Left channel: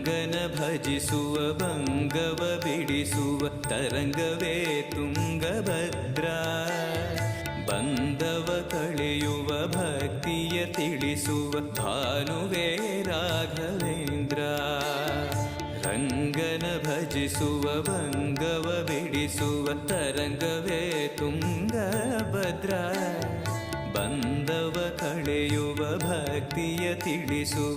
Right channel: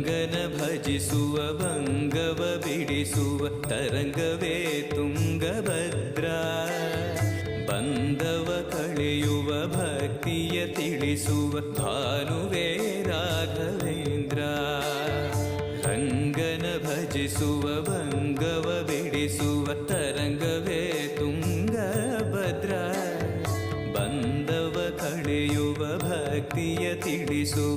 ರಂಗನ ಭಜಿಸುವ ಭಂಗವ ಬಿಡಿಸುವ ತರಂಗವೇ ತುಂಗಭದ್ರಾ. ಬಂಧವ ಕಳೆಯುವ ಭಕ್ತಿಯ ತಿಳಿಸುವ ಭಾನುವೇ ರಾಘವೇಂದ್ರ. ರಂಗನ ಭಜಿಸುವ ಭಂಗವ ಬಿಡಿಸುವ ತರಂಗವೇ ತುಂಗಭದ್ರಾ. ಬಂಧವ ಕಳೆಯುವ ಭಕ್ತಿಯ ತಿಳಿಸುವ